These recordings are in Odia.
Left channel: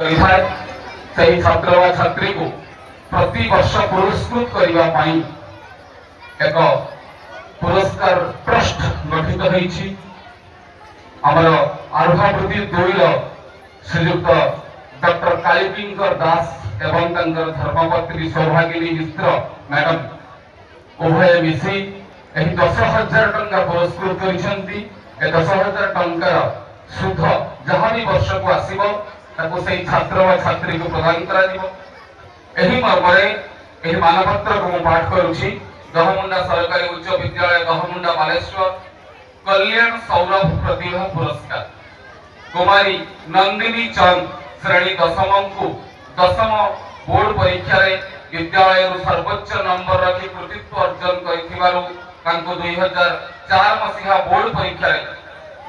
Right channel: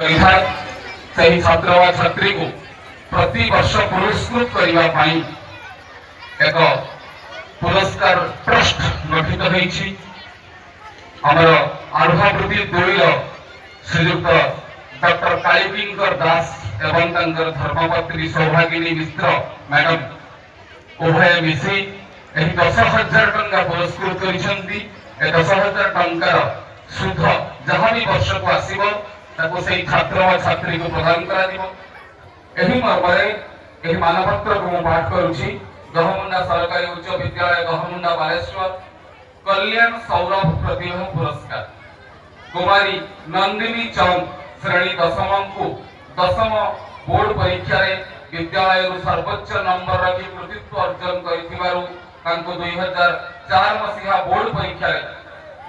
ସେହି ଛାତ୍ର ବା ଛାତ୍ରୀକୁ ପ୍ରତିବର୍ଷ ପୁରସ୍କୃତ କରିବା ପାଇଁ ଏକ ପୁରସ୍କାର ଟ୍ରଷ୍ଟ ଗଠିତ ହୋଇଛି। ଆମର ଆରୁହାବୃତ୍ତି 2ର ଶ୍ରୀଯୁକ୍ତ ଡକ୍ଟର କାଳିକିଙ୍କର ଦାସ ଏବଂ ତାଙ୍କର ଧର୍ମପତ୍ନୀ ସୌଭାଗିନୀ ମିଶ୍ର ମ୍ୟାଡାମ ଉଭୟ ମିଶି ଏହି 10,000 ଟଙ୍କା ପୁରସ୍କୃତ କରିଛନ୍ତି। ଏ 10,000 ଟଙ୍କାର ସୁଧ ଯାହା ବି ବର୍ଷକୁ ଆସିବ ତାକୁ ସେହି ଛାତ୍ର ବା ଛାତ୍ରୀକୁ ପ୍ରଦାନ କରାଯିବ। ଏହି ମର୍ମରେ ଏହି ମାନପତ୍ରକୁ ମୁଁ ପାଠ କରୁଛି। ଦହମୁଣ୍ଡା ସରକାରୀ ଉଚ୍ଚ ବିଦ୍ୟାଳୟ ଦହମୁଣ୍ଡା ବାଲେଶ୍ୱର କଲ୍ୟାଣ ସୌରଭ ପ୍ରତିଭା ପୁରସ୍କାର କୁମାରୀ ନନ୍ଦିନୀ ଚନ୍ଦ ଶ୍ରେଣୀ ଦଶମଙ୍କୁ 10ମ ବୋର୍ଡ ପରୀକ୍ଷାରେ ବିଦ୍ୟାଳୟରୁ ସର୍ବୋଚ୍ଚ ନମ୍ବର ରଖି କୃତିତ୍ୱ ଅର୍ଜନ କରିଥିବାରୁ ତାଙ୍କୁ 2004 ମସିହା ବୋର୍ଡ ପରୀକ୍ଷାରେ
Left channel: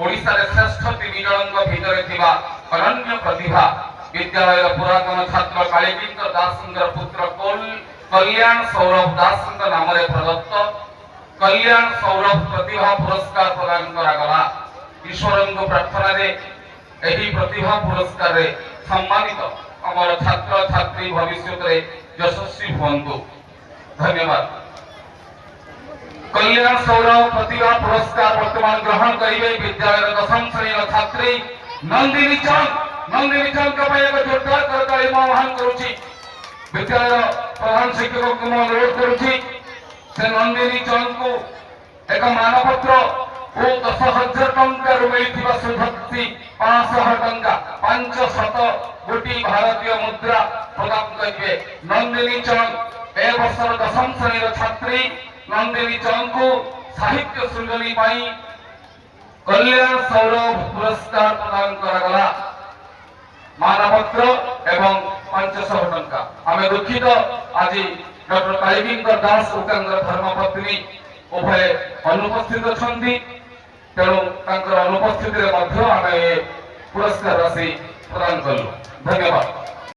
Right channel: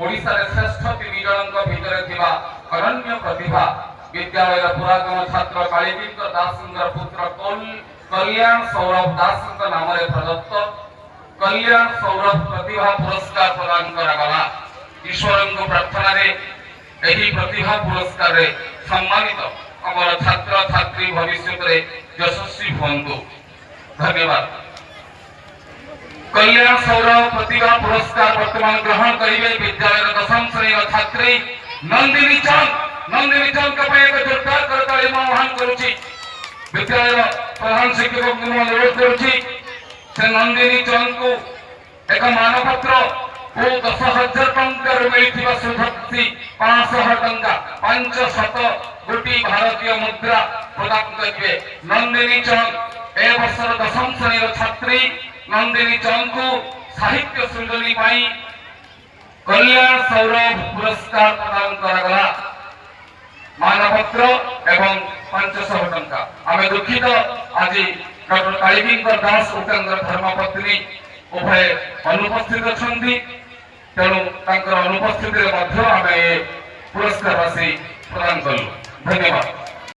ଓଡ଼ିଶାରେ ଶ୍ରେଷ୍ଠ 3 ଜଣଙ୍କ ଭିତରେ ଥିବା ଅନନ୍ୟ ପ୍ରତିଭା ବିଦ୍ୟାଳୟର ପୁରାତନ ଛାତ୍ର କାଳିକିଙ୍କ ଦାସଙ୍କର ପୁତ୍ର କଲ୍ୟାଣ ସୌରଭ ଦାସଙ୍କ ନାମରେ ପ୍ରଦତ୍ତ କଲ୍ୟାଣ ସୌରଭ ପ୍ରତିଭା ପୁରସ୍କାର ପ୍ରଦାନ କରାଗଲା। ଈଶ୍ୱରଙ୍କ ପ୍ରାର୍ଥନାରେ ଏହି ପ୍ରତିଭା ପୁରସ୍କାରରେ ସମ୍ମାନିତ ଆମର ଛାତ୍ର ଛାତ୍ରୀ ଭବିଷ୍ୟତରେ ଯଶସ୍ୱୀ ହୁଅନ୍ତୁ। ଧନ୍ୟବାଦ। कल्याण सौरभ प्रतिभा पुरस्कार वर्तमान ग्रहण करेंगे विद्यालय 10म श्रेणी छात्री नंदिनी चंद के एक जोरदार करताली आह्वान करुछि। विद्यालय प्रधान शिक्षक को अनुरोध करुछि से नंदिनी चंद को एक मानपत्र और 10,000 टंका मिलथिबा सुधक्ति 500 टंका 500 गोटी भारतीय मुद्रा प्रदान करिवे। नंदिनी चंद ए वर्षर 10म श्रेणी छात्री नंदिनी चंद को साहित्य सृजनी कल्याण सौरभ पुरस्कार प्रदान करागला। मानपत्र एवं 500 टंका आम दुखित आज डॉक्टर कालिकिंकर दास और धर्मपत्नी उभय अनुपस्थित अच्छा तेणु अनुपस्थित पुरस्कार राशि प्रदान कलु। धन्यवाद।